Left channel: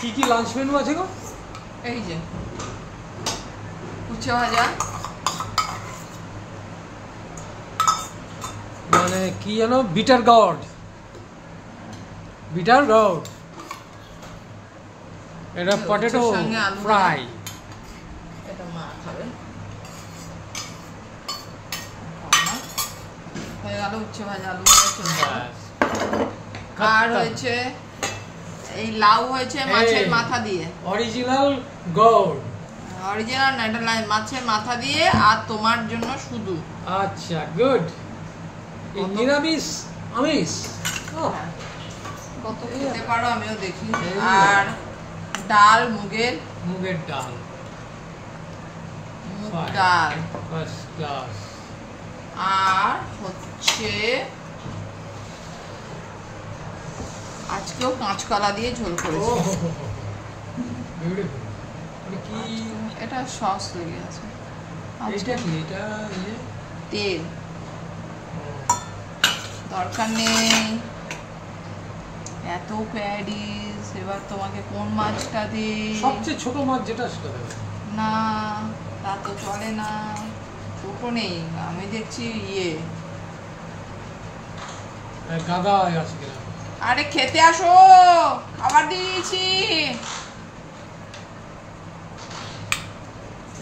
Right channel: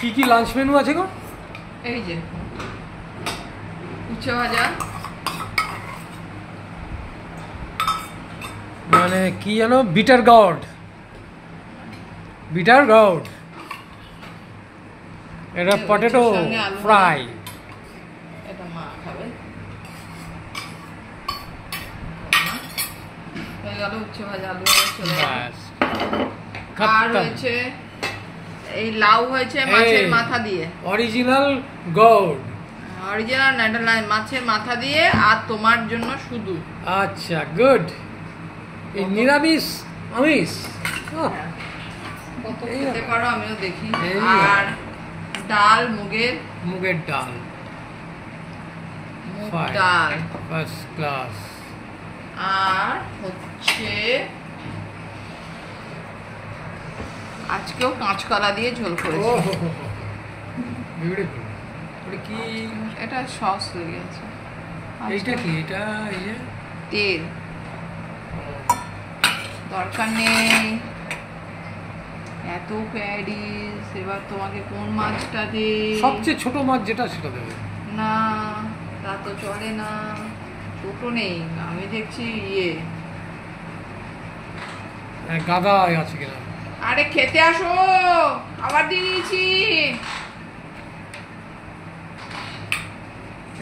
কি lunch menu আছে গো? এই যে উচ্ছে ভাজা, মানে কি জানো, বিটার গার্ড, এটা পটেটো ফ্রাই। এটা মা খাবে। হয়ে গেল উচ্ছে ভাজা, আলু ভাজা চলে গেল। আর হয়েছে এই লাউ হয়েছে মাছের মাথা দিয়ে, অরিজিনাল গার্ড, অরিজিনাল নেদারল্যান্ড মাছের মাথা দিয়ে, আর তোমার জন্য শুধু। আচ্ছা গুড। এই নিরামিষ আমিষ কত খেতে পারো আমিও দেখি। আর ডাল, মুগের ডাল, মুগ ডাল ফার্স্ট ক্লাস। আর হচ্ছে আজকেও কাঁচকলা দিয়ে ঝোল করেছি। কি এটা সস তৈরি আছে। এইটা কি? এটা তেল দরকার নেই এত প্যাডিস। এবার তোমাকে কোন মাছটা দে? সবচেয়ে ছোট মাছ যেটা সেটা দেবে না, তা তো চলে না, ছোট নেই। আমি দেখছি গাদা আছে কিনা। আরে খেতে আসো, খাবার দিয়ে দিয়েছি।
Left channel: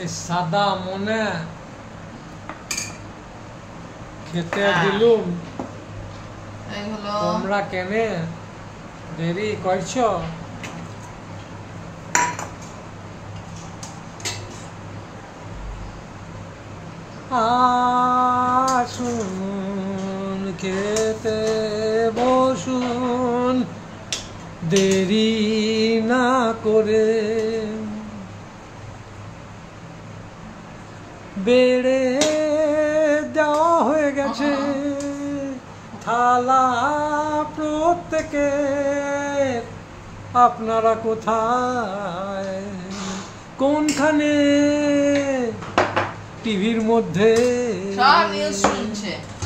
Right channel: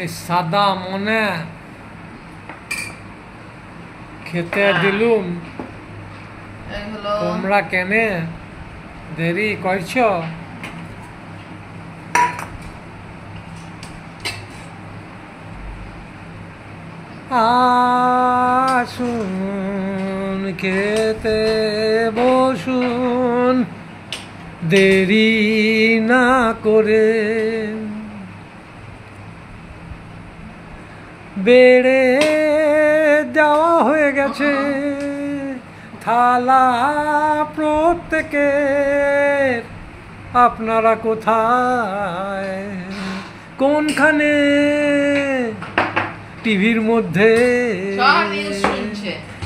এই সাদা মনে খেতে দিলুম, তোমরা কেনে দেরি করছো? আসুন খেতে বসুন দেরি না করে, বেড়ে যাওয়া হয়ে গেছে থালা প্রত্যেকের। আপনারা কোথায়, কোনখানে? টিভির মধ্যে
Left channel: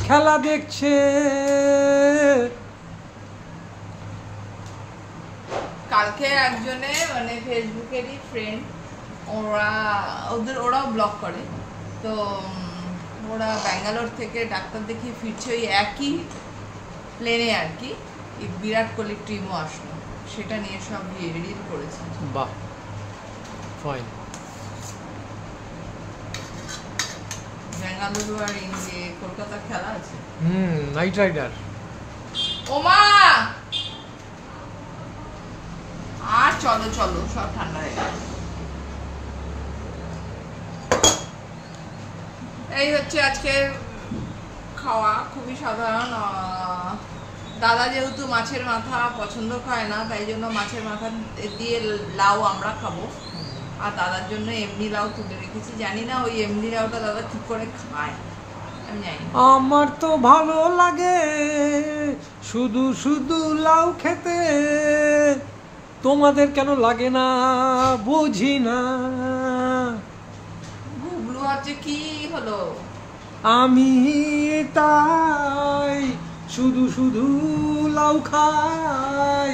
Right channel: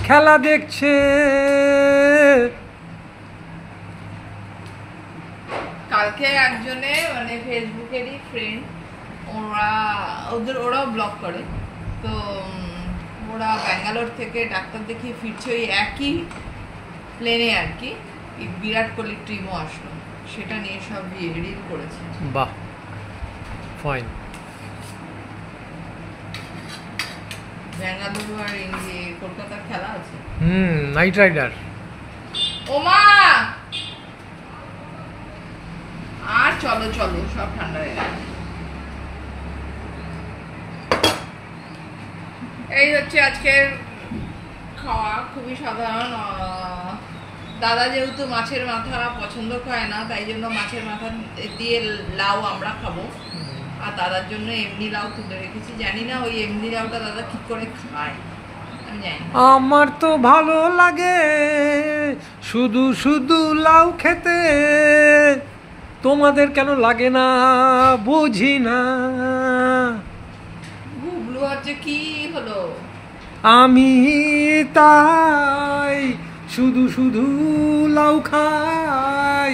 খেলা দেখছে। কালকে একজনে মানে ফেসবুকেরই ফ্রেন্ড, ওরাও ব্লগ করে, তো ওরা ব্যাঙ্গালোর থেকে ডাক্তার দেখিয়ে ফিরছে ওই একই প্লেনে আর কি। বিরাট কোহলির টিমও আসলো, সেটা নিয়ে সব রিল করেছে। বাহ, ফাইন। বেঙ্গালুরু আর কলকাতার খেলা আছে। Knight rider. ওমা আর চলো চলো, সব ঠান্ডা হয়ে গেল। এই হচ্ছে আজকের খাওয়া, খুবই সাধারণ। দাদা যেহেতু মাছের মাথা পছন্দ করে না, তাই জন্য মাছের মাথা দিয়ে লাউ আমরা খাবো। আর দাদার জন্য এমনি লাউ তুলে রেখেছি। জানি না ওই এমনি লাউটা দাদা ঠিক করে খায়, আমি জানি। আমার তো ভালো লাগে শুধু শুধু লাউ খেতে, তোমাদের কেন লাগে না বুঝি না। গুবলু হচ্ছে কি হলো? আমি তাই শুধু শুধু লাউ খাই।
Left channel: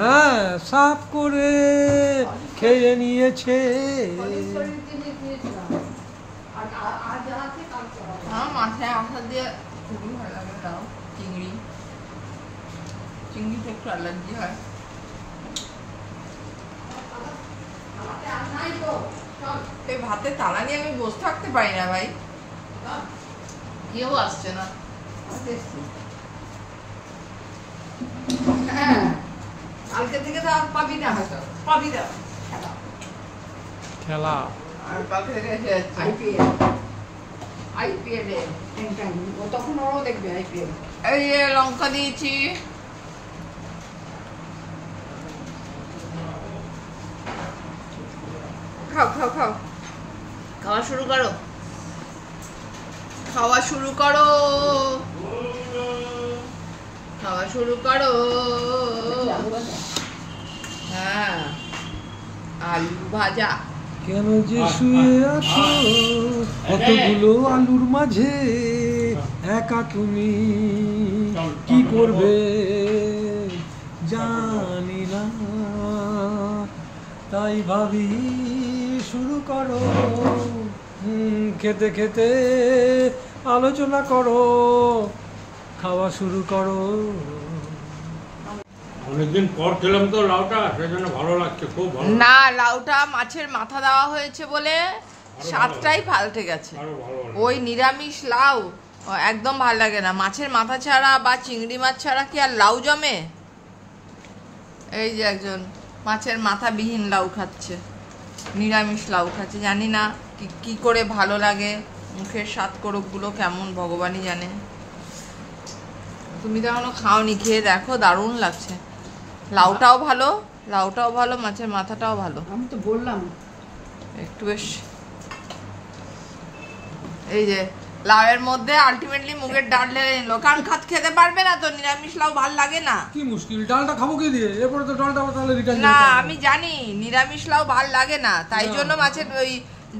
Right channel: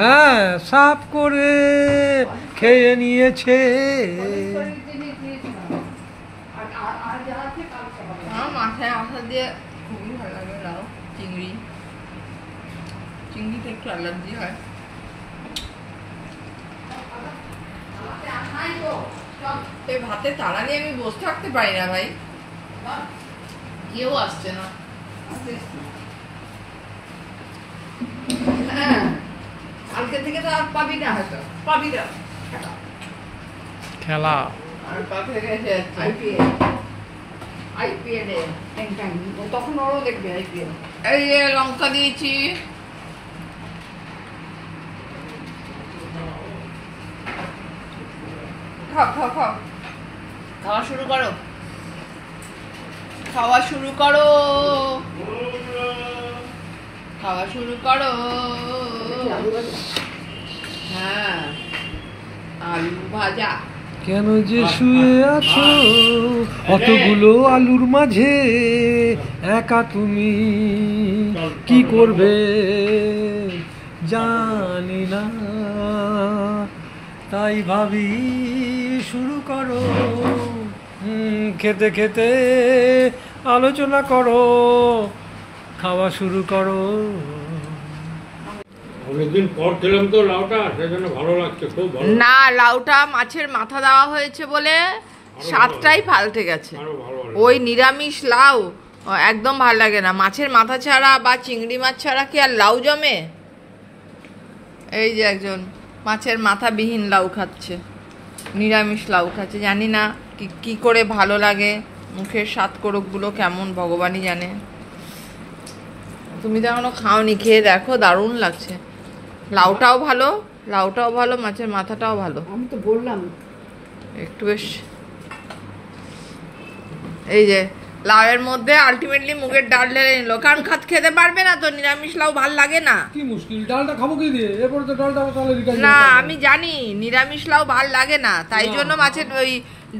হ্যাঁ, সাফ করে খেয়ে নিয়েছে। মাথায় আঠা দিয়ে খুবই ভালো লাগে লাউ। চিংড়িতে একটু অ্যালার্জি হয়। এই ভাতে তাড়া নিয়ে আমি বসে থাকতে পারি না ভাই, কেউ আসছে না। হ্যাঁ, কালকে থেকে তো আর পাবি না, হয়তো পাবি না খেলা। আর কালকে থেকে আইপিএল তখন ওরাও দেখবে আইপিএল। এই যে লঙ্কা দিয়েছি, খাও খাও খাও, খাওয়া শুরু করো, খাওয়া শুরু করো, খাওয়া শুরু করো। হ্যাঁ, আলু ভাজা কেন যে শুয়ে আছো অতগুলো আলুর মাঝে, একা তুমি কি করবে জানি না, তাই ভাবি শুরু করো, খেতে খেতে আলোচনা করো, খাওয়া শুরু করো। অনেকদিন পর খেলাম তো লাউটা, সেজন্য ভালো লাগছে, খুব ভালো। না, লাউটা মাছের মাথা দেওয়া হয়েছে বলে স্বাদটাই পাল্টে গেছে। আরো ভালো লাগে। ওই নিরামিষ লাউ একদম ভালো লাগে না। মাছের মাথা ছাড়া বা চিংড়ি মাছ ছাড়া কি আর লাউ জমে? এই যে একজন মাছের মাথা বিহীন লাউ খাচ্ছে, নিরামিষ লাউ খাচ্ছে। জানি না কি করে ভালো লাগে, মুখের স্বাদ করকগুলো কেমন ভগবানই জানে। তুমি তো এখনো খাওনি, খেয়ে দেখো, দারুণ লাগছে। লাউটাও ভালো, লাউটাও ভালো, মাছের মাথাটাও ভালো। আমি তো বললাম একটু বেশ এই যে লাউয়ের মধ্যে আলটিমেটলি মুগের ডাল ঢেলে নিল, কারণ খেতে পারবে না তো, নিরামিষ লাউ ভাল লাগে না। কি মুশকিল, ডালটা খাবো কি দিয়ে? এরপরে তো ডালটা তাহলে রিটার্ন না, আমি জানি নিরামিষ লাউ ভাল লাগে না, তাই জন্য মাছের ওই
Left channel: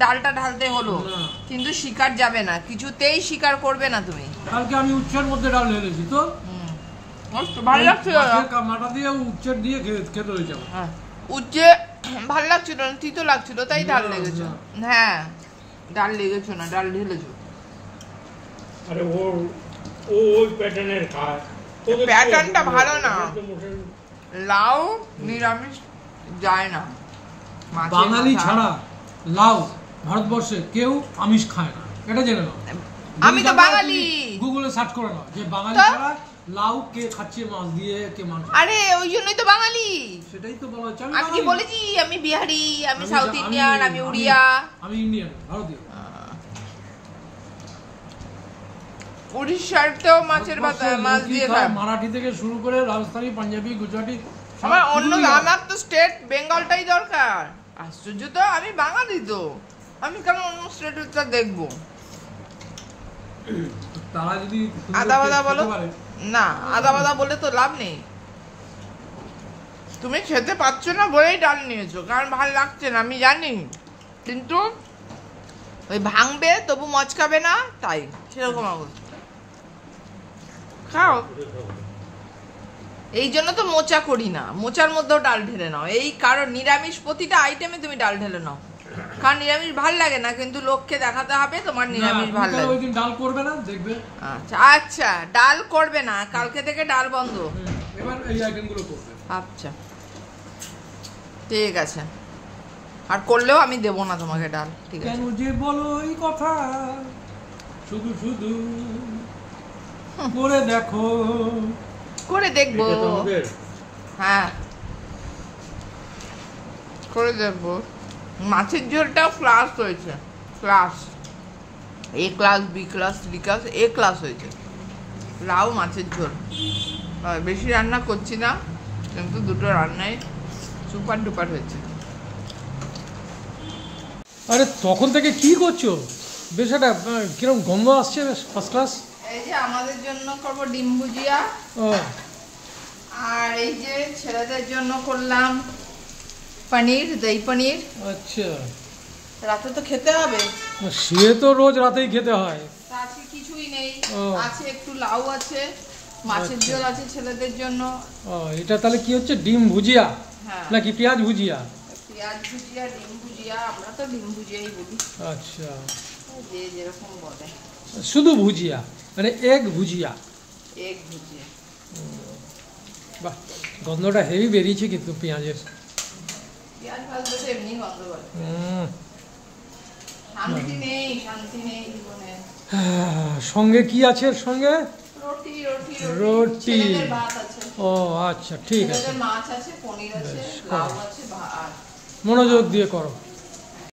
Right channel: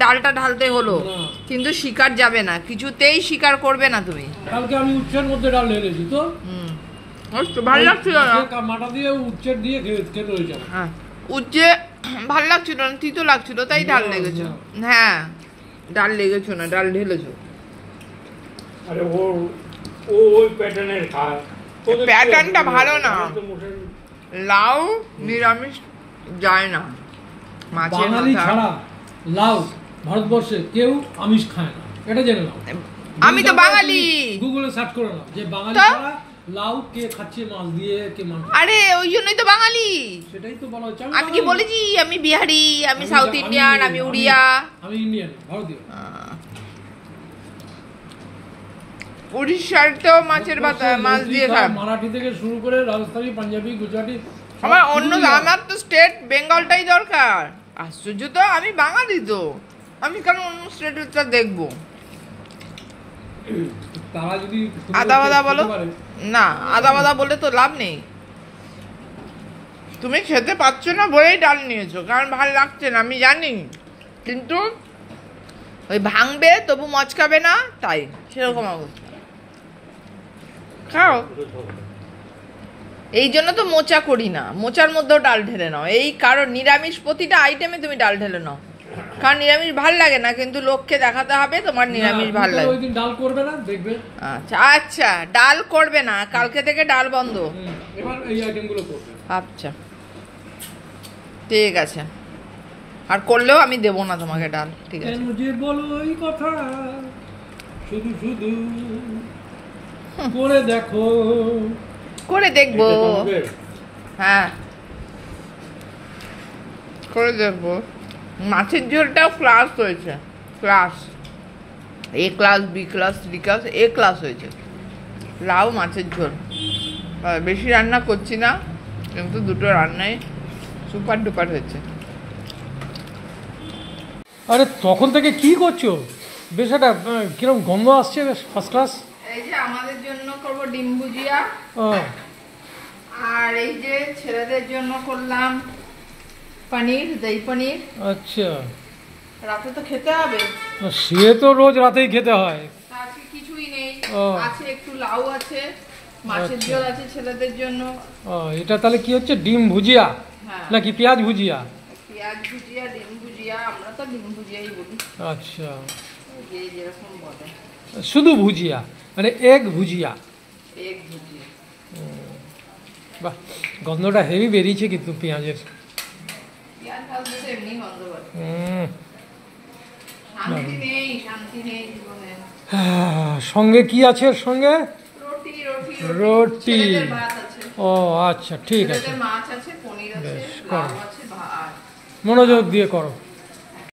ডালটা ঢালতে হলো। না। কিন্তু শিকার যাবে না, কিছুতেই শিকার করবে না তুমি। কালকে আমি উচ্ছের মধ্যে ডাল ঢেলেছি তো, ভালো লাগছিল না। মাছের মাথা দিয়ে উচ্ছের দিয়ে খেতে হয়েছে আমার। হ্যাঁ, উজ্জে ভাল লাগছিল না, তিতো লাগছিল, তাই ডাল লেগেছে। হ্যাঁ, ডাল লেগেছো না, ডাল ঢেলেছো। আরে ও ওই প্যাটার্নের খায়। ওদের কি প্যাটার্নটা আছে? ভালো না। ওদের তো মোটে- লাউ নিরামিষ যায় না। মাছের বাঙালি মাথা- ছাড়া লাউ ভারতবর্ষে কেউ আমিষ খায় না, এটা জেনে নাও। আমি তো বাঙালি। গুগলে সার্চ করে নাও যে বাঙালি তো? ছাড়া লাউ কে খাচ্ছে মাছ দিয়ে, কে মাংস। আরে ওই জন্যই তো বাঙালি। সেটাই তো বলা হচ্ছে। আমি কি বলেছি আমি বিহারি, আমি সাউথ ইন্ডিয়ান, আমি উড়িয়া? আমি ইন্ডিয়ান, ভারতীয়। উড়িষ্যার তো মাছের ভাত মাছ দিয়ে খায়। মারাঠি থেকে শুরু করে রাজস্থানী, পাঞ্জাবি, গুজরাটি, সব আমার অন্য কিছুই আমার তো স্টেট বেঙ্গলটাই দরকার। আশ্চর্য তো, আমি বাঙালি তো, আমি কেন অন্য স্টেটটা দেখবো? তারা যদি আদা বাদা খেতে বলো পারে, না, আদা বাদা বলে তো লাভ নেই। তুমি খেতে পাচ্ছ না বলেই ডাল নিয়েছো, কারণ ভালো লাগছে না আমি জানি, কিন্তু ওই ভাঙবে তবু মচকাবে না, তাই সেরকম অবস্থা। খাও, এই জন্য তো মোচা করি না, মোচার মধ্যেও ডাল ঢেলে নাও, এই কারণ নিরামিষ প্রতিটা আইটেমে তুমি ডাল ঢেলে নাও, কারণ নিরামিষ ভাল লাগে না, কিন্তু লোককে দেখাতে হবে তোমার নিরামিষ না, ভাল তুমি তো লাগে। ওই দিন ডাল করবে না, দেখবে। আচ্ছা আচ্ছা, ডাল করবে না, কালকে থেকে ডাল বন্ধ। এবার এই আইটেমগুলো করবে। আচ্ছা ঠিক আছে, আর করলেও আমি দেবো না তোমাকে ডাল, ঠিক আছে? কেন যে বলো এই কথা, শুধু শুধু করে দেখো। করে দেখবো, এটা তো আমাদের হ্যাঁ করে দেখবো। মাছের ঝোলটাও ক্লাস হয়েছে, class A class, B class, C class, A class হয়েছে। লাউ মাছের ঝোল, বেশি রান্না করছি না, কিন্তু দুটো রান্নাই সুপার ডুপার হয়েছে। আরে তখন থেকে কি করছো? বেশ একটা কিরকম গন্ধ আসছে, বেশ ফার্স্ট ক্লাস। এই যে আমাদের জন্য করবো ডিম ভুজিয়া, ও আর এই যে ছেলেদের জন্য করলাম পনির, দই পনির। আচ্ছা, রাতে তো খেতে হবে, সে তো রোজ রাতেই খেতে হয়। তা আজকে কিছুই নেই, ও। আছে একটু লাউ আছে, মাছের আচ্ছা। ঝোল আছে ছেলেদের জন্য। ও, এটা তাহলে কি হচ্ছে, ডিম ভুজিয়া হ্যাঁ, নাকি পেঁয়াজ ভুজিয়া? পেঁয়াজ ভুজিয়া, ডিম ভুজিয়া, আমরা তো ডিম ভুজিয়াই বলি, আচ্ছা, যে যেরকম বলে। শুধু ভুজিয়া মানে এগ ভুজিয়া। এগ ভুজিয়া। বাহ, গন্ধটা হেভি বেরিয়েছে কিন্তু পেঁয়াজের। পেঁয়াজ ভাজলে তো এমনি গন্ধ বলে। হুম। শান্তি নেই, শান্তি নেই জীবনে। সঙ্গে কি আছে এর সঙ্গে? রুটি রুটি রুটি। ছেলেদের ভাত আছে, ও আচ্ছা, ঠিক আছে, ছেলেদের মাছ আছে, পনির আছে, বেশ, লাউ করো। আছে, ভাত। মনোযোগ দিয়ে করো।